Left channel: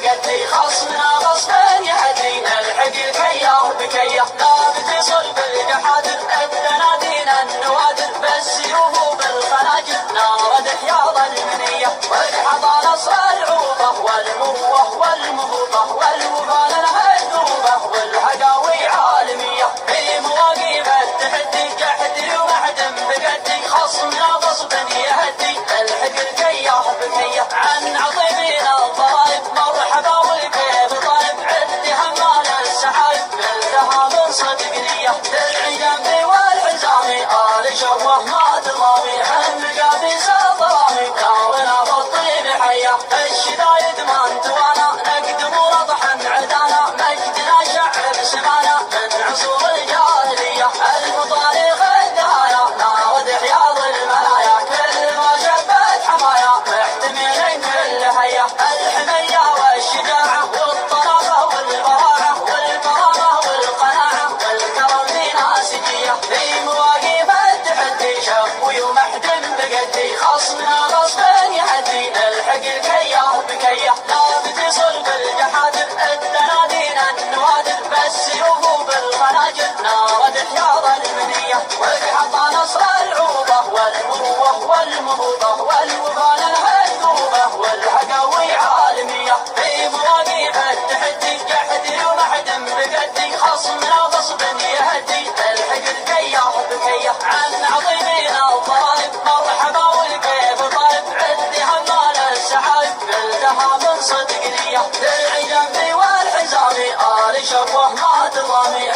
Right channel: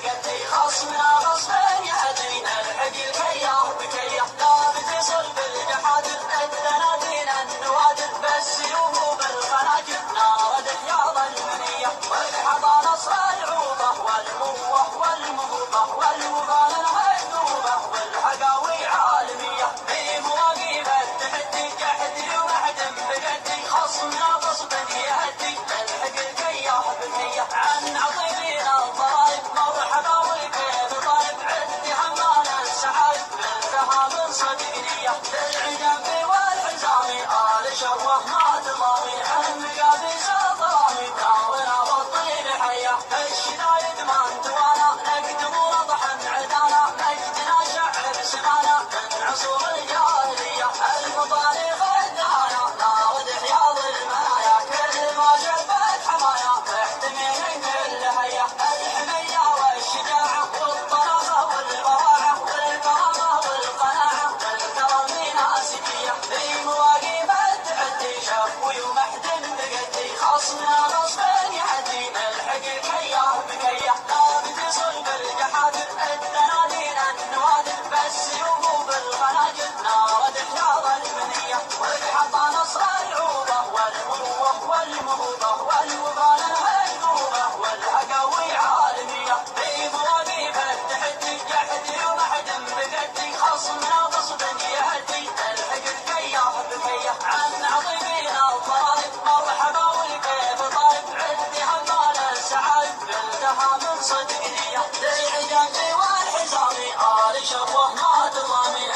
بقدي خصمنا غصبا يهدي نلحق الكيا بكيا لا بتصل بالجحادر الدنادين النوادر بالسيوف بالخناجر نارد حياض المنية والحضارة نصر العوبة والمروة والمهوبة والوبال المهدوبة والحقاوي عالمية في مواقف التحدي جحدي ومعدن بقدي خصمنا غصبا يهدي نلحق الكيا بكيا عن عظيمين الضرائب مرحبا والكيف طالب عد حمال السحايب ملتها من صدق نية درعي جنبي والحزامي آل شوه ما تضامي عن مقابيس الضرامي ناونا بالطيب حيا الشدايد ما انتوانا نقدم رضحا عدانا مجدنا شعب سمانا من عصور الجاهلية المطاريق الدهايا ناود حياض المنايا كل ما شبت حمايا محتمل كل حيا الحمية والشجاعة والطرافة والبراعة والكرامة والقناعة والكرم في ناسجية في مواقف التحدي شفوي ومحدن بقدي خصمنا غصبا يهدي نلحق الكيا بكيا لا بتصل بالجحادر الدنادين النوادر بالسيوف بالخناجر نارد حياض المنية والحطى نصر العوبة والمروة والمهوبة والوبال المهدوبة والحقاوي عالمية في مواقف التحدي جحدي ومحدن بقدي خصمنا غصبا يهدي نلحق الكيا بكيا عن عظيمين الضرائب مرحبا والكيف طالب عد حمال السحايب ملتها من صدق نية درعي جنبي والحزامي آل شوه ما تضامي